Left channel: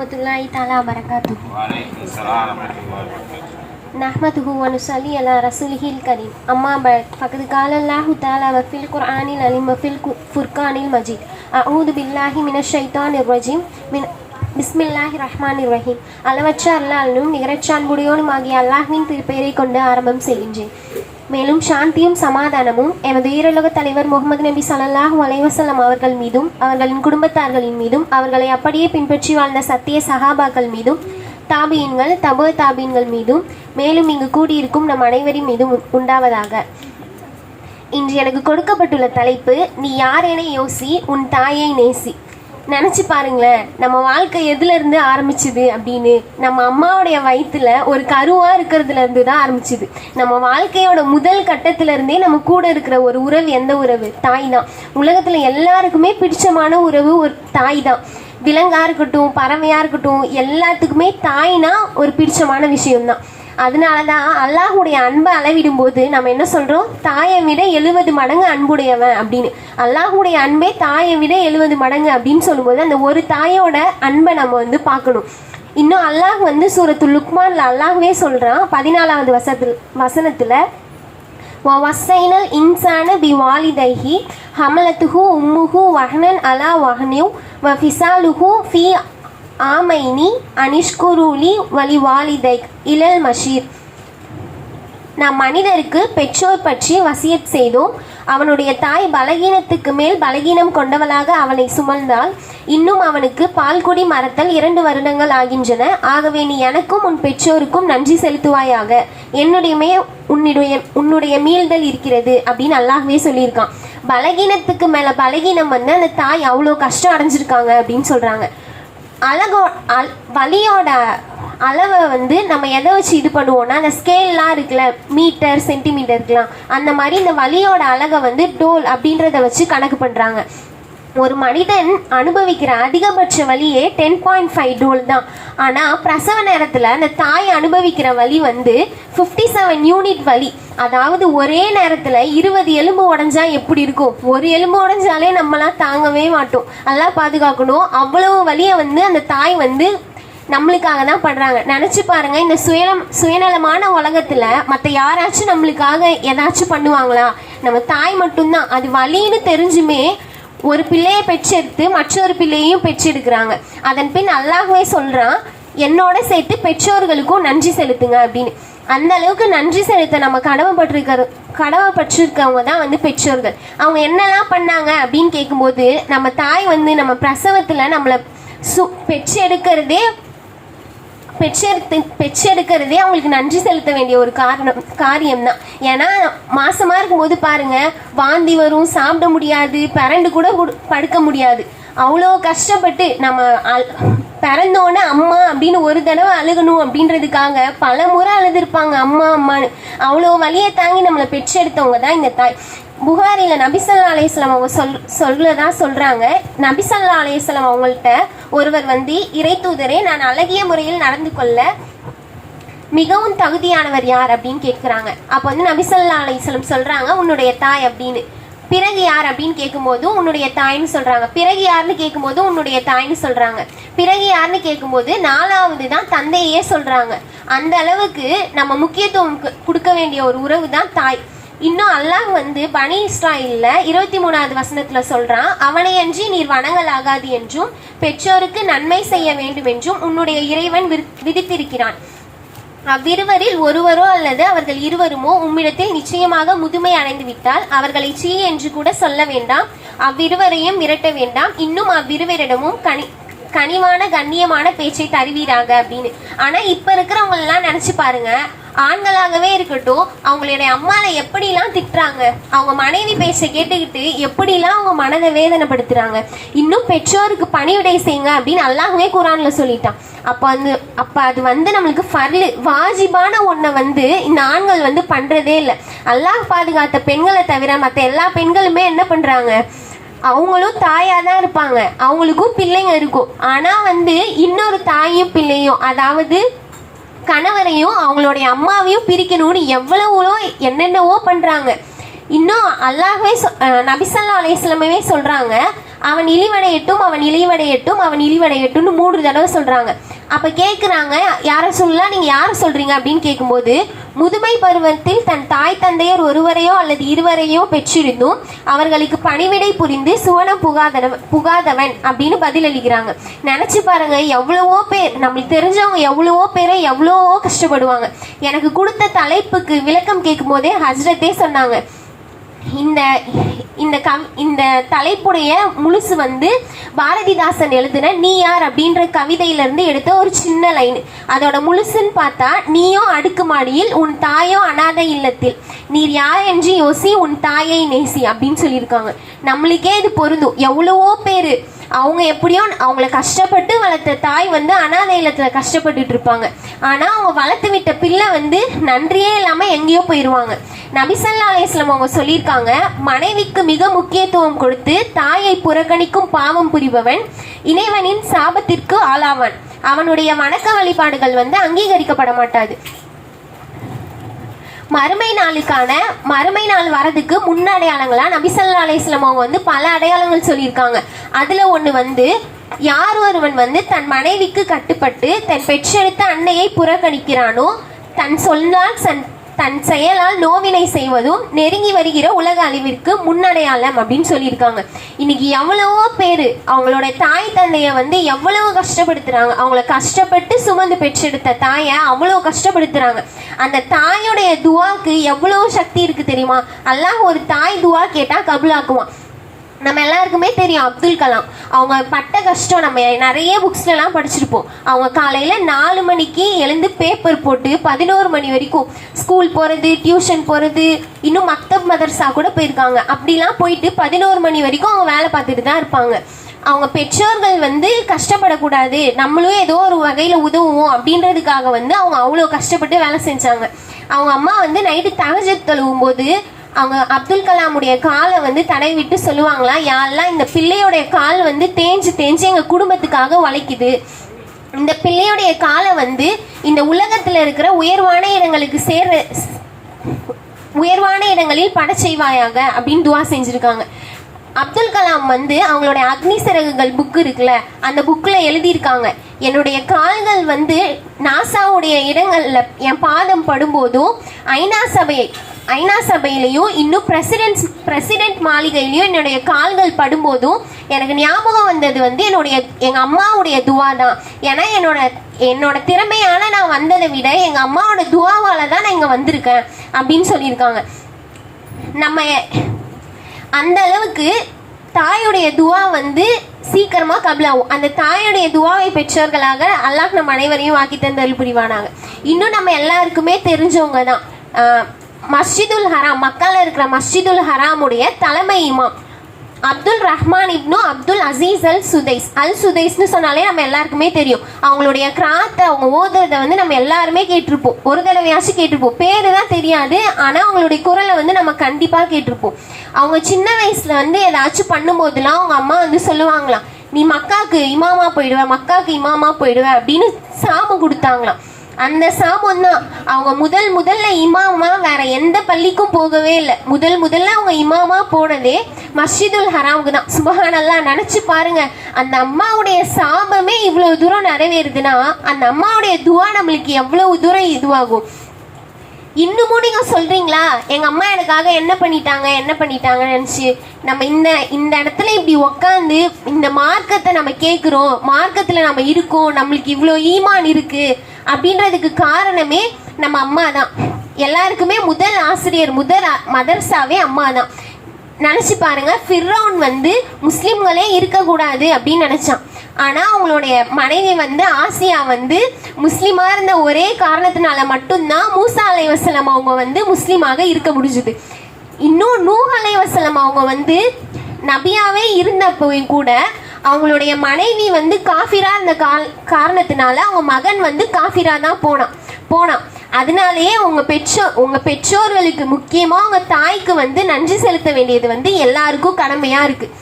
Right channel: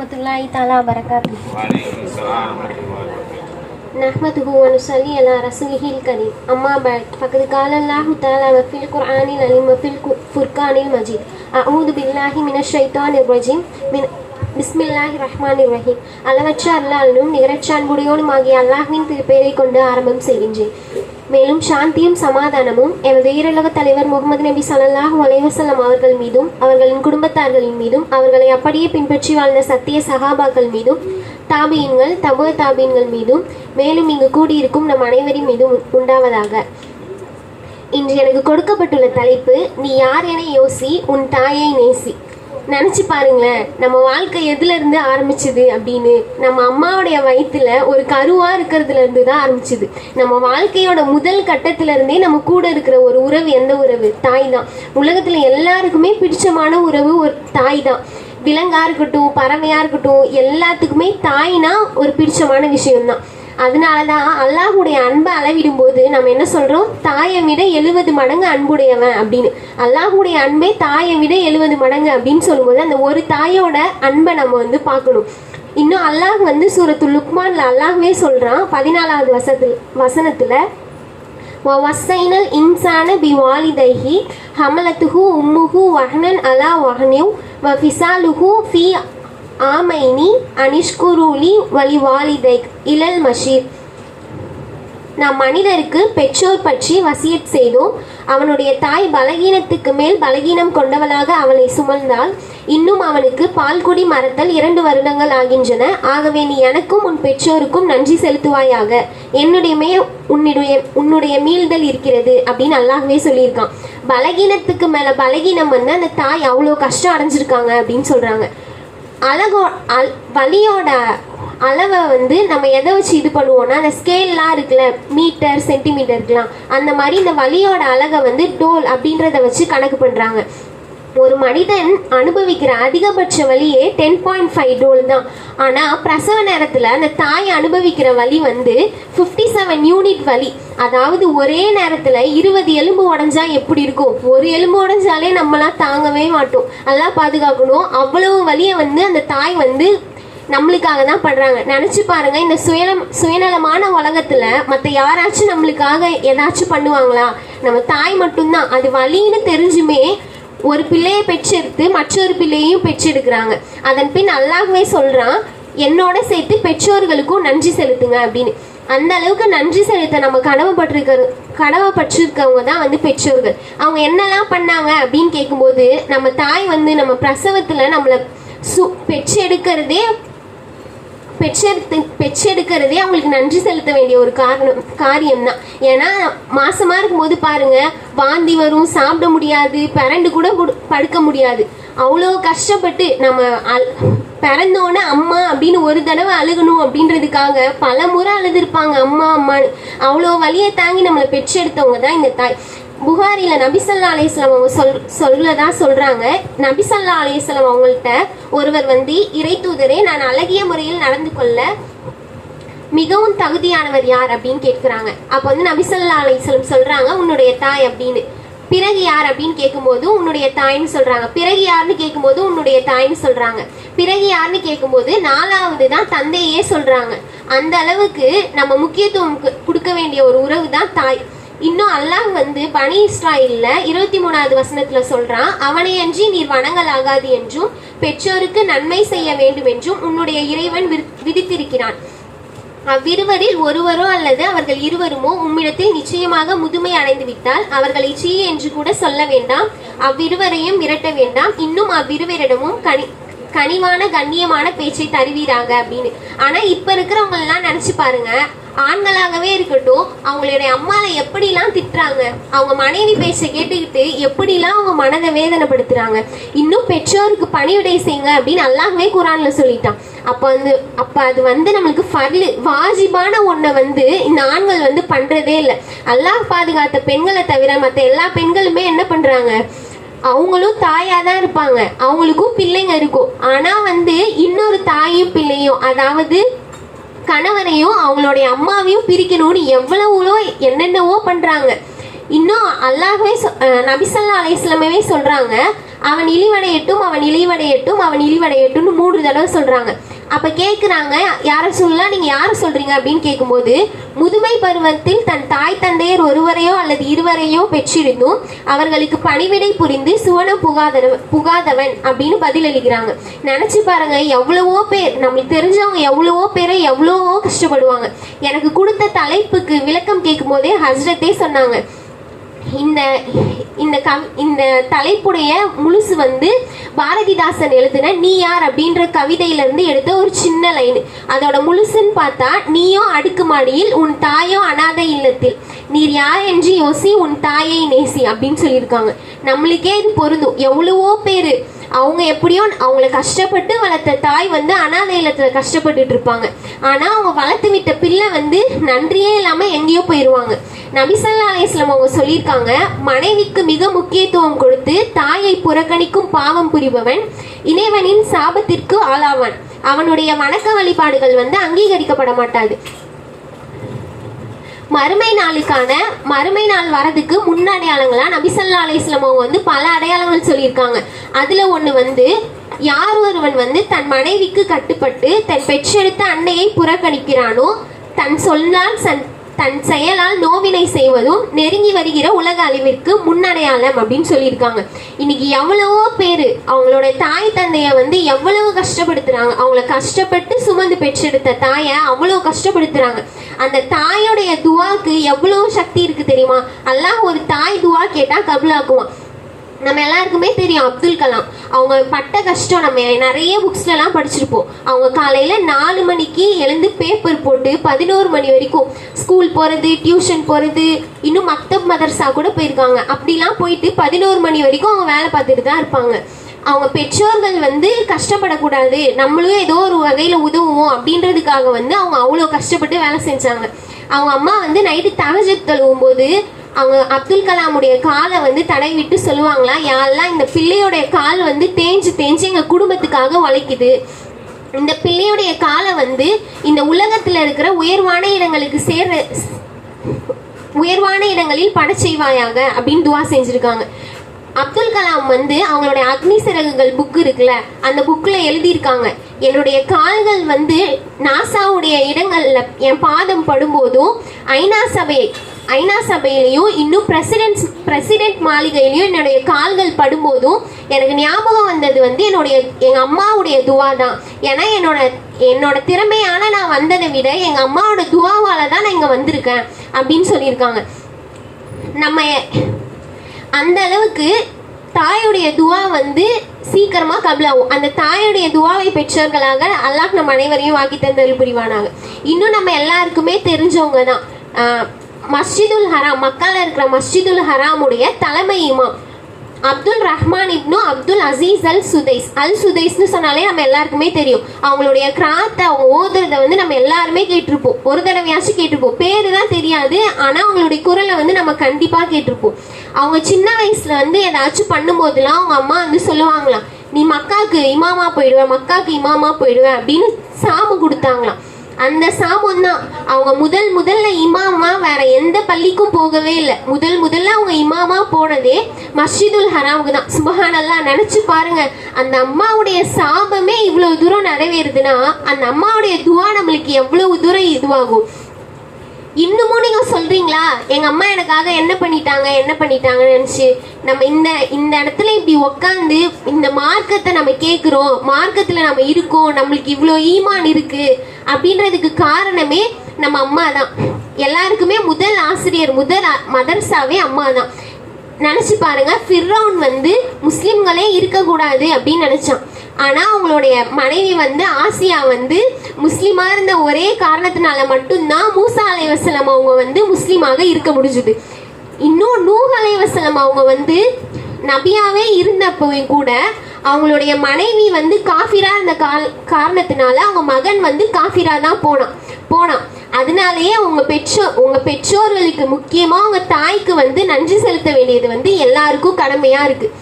வரமத்துல்லாஹி தாலா வரகாத்து وعليكم السلام ورحمة الله وبركاته நஹ்மதுஹு வ நுஸல்லி அலா ரசூலிஹில் கரீம் அம்மா பஅத் ஃபகத் கால அல்லாஹு தஆலா வ ஃபில் குர்ஆனில் அலீம் வ ஃபில் கு- ஃபுர்கானில் மஜீத் அஊது பில்லாஹி மினஷ் ஷைத்தானிர் ரஜீம் மின் பிஸ்மில்லாஹி ரஹ்மானிர் ரஹீம் அளவற்ற அல்லாஹ்னும் நிகரற்ற அன்புடையோனும் ஆகிய அல்லாஹ்வின் திருப்பெயரை கொண்டு ஆரம்பம் செய்கின்றேன் மேலும் சாந்தியும் சமாதானமும் எமது ஈரலக தலைவர் முகமது நபி ஸல்லல்லாஹு அலைஹி அவர்கள் மீதும் அவர்களின் குடும்பத்தார்களின் மீதும் அவர்களை அப்படியே பின்பற்றி வாழ்ந்த சத்திய சகாபாக்கள் மீதும் தாபியன்கள் தபுவ தாபியன்கள் மீதும் மேலும் இங்கு கூடியிருக்கும் நம் அனைவரின் மீதும் உ- உண்டாவதாக. இன்று எனக்கு கொடுக்கப்பட்டுள்ள தலைப்பு நீ யார் என யோசி உன் தாயை நேசி. நினச்சி பாருங்களேன் நம்ம வாழ்க்கை எதுலேருந்து ஆரம்பிச்சுது அப்படின்னு? நம்ம அம்மாவுடைய வயிற்றில் ஒரு கருவாக இருக்கிறதுலேருந்து தான் ஆரம்பிச்சுது. நம்ம வாழ்க்கையோட முதல் கட்டத்திலேருந்தே நம்ம கூட இருக்கிற ஒரு உறவு எந்த உறவு? தாய் தான். உலகத்தில் எல்லாருக்குமே பிடிச்சமான உறவு ஒரு தாய் தான். விலங்காக இருக்கட்டும் பறவையாக இருக்கட்டும் எல்லாத்துக்குமே தாய்னா ஒரு பிடிச்சமான விஷயம்தான். அதனால தான் அல்லாஹுடைய அன்பை அளவிடும்போது நம்ம என்ன சொல்கிறோம் தாயை விட எழுபது மடங்கு அன்புடையவன் அப்படின்னு. அல்லாஹுடைய அன்பே தாயை விட எழுபது மடங்கு அப்படின்னு சொல்லும்போது அந்த ஒரு தாயோட அன்பை நம்ம வந்து பார்க்கணும். இன்னும் அல்லாஹ் வந்து சூரத்து லுக்மான்ல அல்லாஹ்வே சொல்கிறான் பதினாலாவது வசத்தில் வசனத்தில் வசைனல் இன்சான பி வாலிதைஹி ஹமலத்துஹு உம்முஹு வஹ்னன் அலா வஹ்னியூ வஃபிசாலுஹு ஃபி ஆமைனி அனிஷ்குரூலி வலிவாலிதைக் இளல் மஷீர். நாம் மனிதருக்கு பெற்றோர் பற்றி வசியத் செய்தோம். அவனுடைய தாய் பலகீனத்துக்கு மேல் பலகீனம் கொண்டவளாக அவனை சுமந்தால் இன்னும் அவனுக்கு பால்குடி மரத்தல் இரண்டு வருடங்கள் ஆகின்றன. ஆகவே நீ எனக்கும் உன் பெற்றோருக்கும் நன்றி செலுத்துவாயாக. என்னுடையமே உன்னுடைய உன்னுடைய மீள்தல் இருக்கிறது அப்படின்னு அல்லாஹ்வே சொல்லியிருக்கான். பலகீனத்துக்கு மேல பலகீனம் வந்து அந்த தாய் அவ்வளோ கஷ்டம் அடைஞ்சிருக்காங்க அப்படின்னு சொல்கிறாங்க அழகோ அல் வலியோட அளவை வந்து நம்ம எதை வச்சு இது பண்ணுவோம்னா அந்த ஸ்கேல்லாம் இருக்குல்ல மீட்டர் சென்டிமீட்டருக்குலாம் அந்த மாதிரி இந்த வலியோட அழகை வந்து டோல் அப்படின்றத வச்சு கணக்கு பண்ணுறாங்க ஒரு மனிதன் அனுபவிக்கிற அதிகபட்ச வலியே டென் பாயிண்ட் ஃபைவ் டோல் தான். ஆனால் பிரசவ நேரத்தில் அந்த தாய் அனுபவிக்கிற வலி வந்து ஃபிஃப்டி செவன் யூனிட் வலி. அதாவது ஒரே நேரத்தில் இருபது எலும்பு உடஞ்சா எப்படி இருக்கும்? ஒரு எலும்பு உடஞ்சாலே நம்மளாம் தாங்கவே மாட்டோம். அதெல்லாம் பாதுகாக்கணும். அவ்வளவு வலியை வந்து அந்த தாய் வந்து நம்மளுக்காக தான் படுறாங்க. நினச்சி பாருங்க இந்த சுயலம் சுயநலமான உலகத்தில் மற்ற யாராச்சும் நம்மளுக்காக ஏதாச்சும் பண்ணுவாங்களா? நம்ம தாய் மட்டும்தான். அது வலின்னு தெரிஞ்சுமே ஒரு பிள்ளையை பெற்றெடுத்து மற்றொரு பிள்ளையையும் பெற்றெடுக்கிறாங்க. அதன் பின் அல்லாஹ்வே சொல்றான் என்னோட சேர்த்து பெற்றோர்களுக்கும் நன்றி செலுத்துங்க அப்படின்னு. அந்த அளவுக்கு நன்றி செலுத்த நம்ம கடமைப்பட்டிருக்கிற கடமைப்பட்டிருக்கவங்க தான் வந்து பெற்றோர்கள். அவங்க என்னெல்லாம் பண்ணாங்க அப்படின்னு கேட்கும்போது நம்ம தாய் வந்து நம்ம பிரசவத்தில் நம்மளை சு பெற்றெடுக்கிறதே பெற்றெடுத்து பெற்றெடுக்கிறதே அவங்களுக்கு நன்றி செலுத்த வேண்டிய ஒரு காரணம் காரியம் தான் ஏன்னா மாசமா இருக்கும்போது பாருங்க வாந்தி வரும் சாப்பிட முடியாது பிறண்டு கூட படுக்க முடியாது. அவ்வளோ கஷ்டப்பட்டு நம்ம அல் பிறந்தோடனே அம்மா அப்படின்னு ஒரு தடவை அழுகணும் அப்படின்றதுக்காக பல முறை அழுதுருப்பாங்க அம்மா அம்மான்னு. அவ்வளோ வலியை தாங்கி நம்மளை பெற்றெடுத்தவங்க தான் இந்த தாய். புகாரியில் நபிசல்லா அலையம் அவங்க சொல் சொல்லதா சொல்கிறாங்க நபிசல்லா அலையம் அவங்கள்ட்ட ஒருவர் வந்து இறை தூதரே நான் அழகிய முறையில் நடந்து கொள்ள மிகவும் தகுதியானவர் யார்? அப்படின்னு கேட்குறாங்க. அப்போ வந்து நபிசல்லா அலையம் சொல்கிறாங்க உன்னுடைய தாய் அப்படின்னு. பிறகு யார்? அப்படின்னு கேட்கும்போது உன்னுடைய தாய்னு சொல்றாங்க. பிறகு யாருன்னு கேட்கும்போது உன்னுடைய தாய்னு சொல்றாங்க. பிறகு யாருன்னு கேட்கும்போது நாலாவது தான் தந்தையே சொல்றாங்க. அந்த அளவுக்கு நம்ம முக்கியத்துவம் கு- கொடுக்க வேண்டிய ஒரு உறவு தான் தாய். இன்னும் அல்லாஹ் வந்து பனி இஸ்ராயில்ல இருபத்தி மூணாவது வசனத்துல சொல்றான் அவனையன்றி நீர் வணங்கலாகாது என்றும் பெற்றோருக்கு நன்மை செய்ய வேண்டும் என்றும் உன்னுடைய இறைவன் விதித்திருக்கிறான். அவ்விருவரில் ஒருவரோ அல்லது அவர்கள் இருவருமோ உம்மிடத்தில் நிச்சயமாக முதுமை அடைந்து விட்டால் அவர்களை சீ என்று கூட சொல்ல வேண்டாம் அவ்விருவரையும் மிரட்ட வேண்டாம் இன்னும் அவ்விருவரிடமும் கனி கனிவான கண்ணியமான பேச்சை தருவீராங்க அப்படின்னு. ஆனா இப்ப இருக்கிறவங்க எல்லாம் நினைச்சு பாருங்க ஆண்களாகவே இருக்கட்டும் அவங்களுடைய அம்மாவை எப்படிலாம் திட்டுறாங்க அவங்க மனைவி பேச்சை கேட்டுக்கிட்டு எப்படிலாம் அவங்க மனதை வேதனைப்படுத்துறாங்க இன்னும் பெற்றோருக்கு பணிவிடை செய்யுங்க அப்படின்னு நல்லாவே குரான்ல சொல்லிட்டான். அப்ப வந்து அப்ப அது வந்து நம்மளுக்கு ஃபர்லு வாஜிபான ஒன்றை வந்து இந்த ஆண்கள் வந்து பண்றதே இல்லை. அல்லாஹ் பாதுகாத்த பெண்களை தவிர மற்ற எல்லா பெண்களுமே என்ன பண்றாங்க அவங்களும் தாயா தான் இருப்பாங்க அவங்களுக்கும் பிள்ளைங்க இருக்கும். ஆனா வந்து இன்னொரு தாயும் பிள்ளையும் அதாவது கணவரையும் அவங்களுடைய அம்மாவையும் பிரிக்கணும்னு எவ்வளவோ என்னென்னவோ பண்றாங்க. இன்னும் அல்லாஹ்வே நபிசல்லா அலைஹிஸ்ஸலாமே சொல்றாங்க அவன் இழிவடையட்டும் அவன் இழிவடையட்டும் அவன் இழிவடையட்டும்னு மூன்று தடவை சொல்றாங்க. அப்ப கேக்குறாங்க யார சொல்லலாம் நீங்க யார சொல்றீங்க? அப்படின்னு கேட்கும்போது முதுமை பருவத்தில் தன் தாய் தந்தையர் ஒருவரையோ அல்லது இருவரையோ பெற்றிருந்தும் அவர்களுக்கு பணிவிடை புரிந்து சுவனம் புகாத புகாதவன் அப்படின்னு பதிலளிக்கிறாங்க. நினைச்சு பாருங்க எவ்வளவோ பேர் நம்மளுக்கு தெரிஞ்சவங்க எவ்வளவோ பேரை எவ்வளவோ கஷ்டப்படுவாங்க. எனக்கு கொடுத்த தலைப்புக்கு விளக்கம் கேட்கும் போதே ஹஸ்ரத்தே சொன்னாங்க இந்த இந்த கம் இந்த தலைப்புடைய முழுசு வந்து பாரதிதாசன் எழுதின நீ யார் அப்படின்ற கவிதையிலிருந்து எடுத்த ஒரு சின்ன லைன். அதோட முழுசுன்னு பார்த்தா நீயோ அடுக்குமாடியில் உன் தாயோ அனாதை இல்லத்தில். நீர் யார் என்று யோசி உன் தாயை நேசி அப்படின்னு சொல்லியிருக்காங்க. நம்மளுக்கே இது பொருந்தும். எவ்வளவோ பேர் அவங்க எப்படியோ அவங்கள கஷ்டப்பட்டு வளர்த்த தாய் வந்து அனாதை இல்லத்தில் கஷ்டப்பட்டுட்டு இருப்பாங்க. ஆனால் அவங்க வளர்த்து விட்ட பிள்ளை வந்து நன்றியே இல்லாமல் எங்கேயோ போயிடுவாங்க நபிசல்லா அலையம் அவங்க சொல்லியிருக்காங்க மனைவிக்கு மிக முக்கியத்துவம் கொடுத்து தாயை புறக்கணிக்கும் பாவம் புரிபவன் இணைவனின் சாபத்திற்கு ஆளாவான். அவனுடைய வணக்க வழிபாடுகள் வந்து அங்கீகரிக்கப்பட மாட்டாது. மறுமை நாளுக்கான மறுமை நாள் வரதுக்கு முன் அடையாளங்களா நபிசல்லா அலையம் அவங்க வந்து பல அடையாளங்கள் சொல்லியிருக்காங்க. அதுல ஒண்ணு வந்து யார் ஒருவன் வந்து தன் மனைவிக்கு கட்டுப்பட்டு தன் பெற்றெடுத்த அன்னையை புறக்கணிக்கிறானோ தன் சொல்லால் சன் தன் செயலால் நோவினை செய்வதும் நெருங்கி வருகிற உலக அழிவிற்கு முன்னடையாளம் அப்படின்னு சொல்லியிருக்காங்க. இன்னைக்கு எவ்வளவோ பேர் அவங்களோட தாய் தந்தைய வந்து எவ்வளவு கஷ்டப்படுத்துறாங்க. அவங்கள கஷ்டப்பட்டு சுமந்து பெற்றெடுத்த தாயை அவ்வளோ கஷ்டப்படுத்துறாங்க. அந்த தாயோடைய துவாக்கு எவ்வளவு சக்தி இருக்கு தெரியுமா? அல்லாஹ் ஒரு தாய் துவா கேட்டா கபுலாக்குவான். நம்ம எல்லாருக்குமே தெரியும் அப்துல் கலாம். அவங்க பட்ட கஷ்டம் நம்ம நிறைய புக்ஸ்லலாம் படிச்சிருப்போம். அவங்க காலையில் நாலு மணிக்கு எழுந்து பேப்பர் போட்டு பதினோரு மணி வரைக்கும் ஸ்கூல் போகிறது டியூஷன் போகிறது இன்னும் மக்தப் மதர்சா கூட போயிருக்காங்க. அப்படிலாம் போயிட்டு பதினோரு மணி வரைக்கும் அவங்க வேலை பார்த்துட்டு தான் இருப்பாங்க. அவங்க பெற்றோர்கள் வந்து கஷ்டப்படக்கூடாது. நம்மளும் ஏதோ ஒரு வகையில் உதவுவோம் அப்படின்றதுக்காக வந்து அவங்க அவ்வளோ கஷ்டப்பட்டு வேலை செஞ்சாங்க. அவங்க அம்மா வந்து நைட்டு தகஜத் தழுவும் போது அவங்க அப்துல் கலாமுடைய காலை வந்து தடை விட்டு சொல்லுவாங்களாம் யாரெல்லாம் இந்த பிள்ளையோடைய கால் வந்து தேஞ்சு தேஞ்சு எங்கள் குடும்பத்துக்காக உழைக்குது இந்த பிள்ளையுடைய காலை வந்து இந்த உலகத்தில் இருக்கிற உயர்வான இடங்களுக்கு சேர்ற உயர்வான இடங்களில் பட செய்வாயாக அப்படின்னு துவா செஞ்சுருக்காங்க. அப்துல் கலாம் வந்து அவங்களுடைய அக்னி சிறகுகள் புக் இருக்குல்ல அந்த புக்கில் எழுதியிருக்காங்க. என்னுடைய கால்கள் வந்து நாசாவுடைய இடங்களில் என் பாதம் படும்போதும் ஐநா சபை ஐநா சபையிலையும் இன்னும் பிரசிடென்ட் பிரசிடென்ட் மாளிகையிலையும் என்னுடைய கால்கள் படும்போதும் எனக்கு ஞாபகம் வந்தது வந்து என்னுடைய எங்கள் அம்மாவுடைய துவா தான். ஏன்னா என்னோட என்னோட திறமையான நான் வந்ததை விட எங்கள் அம்மாவோட துவாவால் தான் நான் இங்கே வந்திருக்கேன் அப்படின்னு சொல்லியிருக்காங்க. நம்ம அந்த அளவுக்கு தாயுடைய துவா வந்து சீக்கிரமாக கபிலாகும். அந்த தாயுடைய துவாவை பெற்றவர்களாக அல்லாஹ் நம்ம அனைவரையும் வாக்கி தந்தல் புரிவானாங்க இன்னும் நம்ம எல்லாருக்குமே தெரிஞ்சவங்க தான். மஸ்ஜிதுல் ஹராம் மக்கால இருக்கிற மஸ்ஜிதுல் ஹராமுடைய தலைமை இமாம். அப்துல் ரஹ்மான் இப்னு அப்துல் அசீஸ் அல் சுதைஸ். அல் சுதைஸ்னு சொன்னாலே நம்ம எல்லாருக்குமே தெரியும். அவங்களுடைய கிராத்தை அவங்க ஓதுறத வந்து நம்ம எல்லாருமே கேட்டிருப்போம். ஒரு தடவையாச்சும் கேட்டிருப்போம். பேரு தான் தெரியாது ஆனால் அவங்களுடைய குரலை வந்து நம்ம கண்டிப்பாக கேட்டிருப்போம். அவங்க சின்ன வயசுல வந்து ஏதாச்சும் பண்ணும்போதெல்லாம் அவங்க அம்மா வந்து சொல்லுவாங்களாம் நீ மக்காக்கு இமாமா போயிடுவ மக்காவுக்கு இமாமா போயிடுவேன் அப்படின்னு சாமு கொடுத்தாங்களாம். அந்த சாமம் தான் அவங்க முதல் முதல்ல இமாமா வேற எந்த பள்ளிக்கும் போகவே இல்லை. முதல் முதல்ல அவங்க இமாமா போனதே மஸ்ஜிதுல் ஹராமுக்கு தான். சுபஹானல்லாம் நினைச்சு பாருங்க. அந்த அம்மாவுடைய சாபமே இவ்வளவு தூரம் நிறைவேறுதுன்னா அந்த அம்மாவுடைய துவா நம்மளுக்கு எவ்வளவு தூரம் இதுவாகும்? இன்னமும் நீங்க சொல்றீங்களா? எங்க அம்மா எனக்காக என்ன பண்ணிட்டாங்க என்ன பண்ணிட்டாங்கன்னு நினைச்சு நம்ம இந்த இந்த இடத்துல இப்படி உக்காந்து இந்த மார்க்கத்தை நம்ம கேட்குறோம் மார்க்கத்துல நம்ம இருக்கோம் நம்மளுக்கு இவ்வளோ ஈமான் இருக்கு அப்படின்றதுக்கு காரணமே நம்ம அம்மா தான். எல்லாருக்குமே முதல் ஆசிரியர் முதல் மதர்சாவே அம்மா தான். நினச்சி பாருங்க ஃபிர்ரவுன் வந்து முஸ்லீம்களே இருக்கக்கூடாது அப்படின்னு நினச்சான். ஆனா அவங்களுடைய மனைவி வந்து ஆசியா வந்து முஸ்லீமாக இருந்த ஒரே காரணத்தினால மட்டும்தான் மூசா அலைவசலம் அவங்க வந்து முஸ்லீமாக இருக்க முடிஞ்சுது. இன்னும் நூஹ் அலைவசலம் அவங்க வந்து நபியாவே இருந்தப்போ கூட அவங்களுடைய மனைவி வந்து காஃபிரா இருந்த கால் காரணத்தினால அவங்க மகன் வந்து காஃபிரா தான் போனான் போனான். அதனாலேயே உங்கள் பெற்றோர் உங்கள் பெற்றோர்களுக்கு முக்கியமாக அவங்க தாய்க்கு வந்து நன்றி செலுத்த வேண்டியது வந்து எல்லாருக்கும் கடமையாக இருக்குது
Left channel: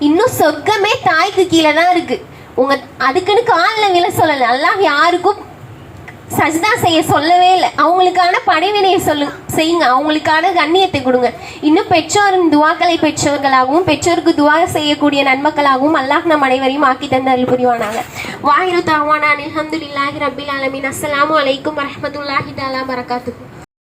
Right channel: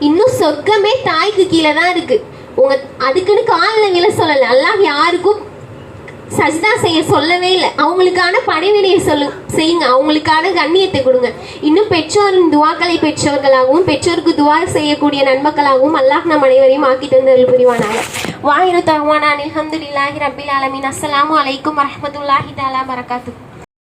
இன்னும் சொர்க்கமே தாய்க்கு கீழே தான் இருக்கு. உங்க அதுக்குன்னு காலில் விழ சொல்லல. அல்லாஹ் யாருக்கும் சஜிதா செய்ய சொல்லவே இல்லை. அவங்களுக்கான படைவினையை சொல்லு செய்யுங்க. அவங்களுக்கான கண்ணியத்தை கொடுங்க. இன்னும் பெற்றோரின் துவாக்களை பெற்றவர்களாகவும் பெற்றோருக்கு துவா செய்யக்கூடிய நன்மக்களாகவும் அல்லாஹ் நம் அனைவரையும் ஆக்கி தந்தல் புரிவானாங்க வாயிரு தகவானான் அலமதுல்லாஹி ரபில் அலமின் அஸ்லாம் வலைக்கும் வரமத்துல்லாஹி தாலா பரகாத்துஹு.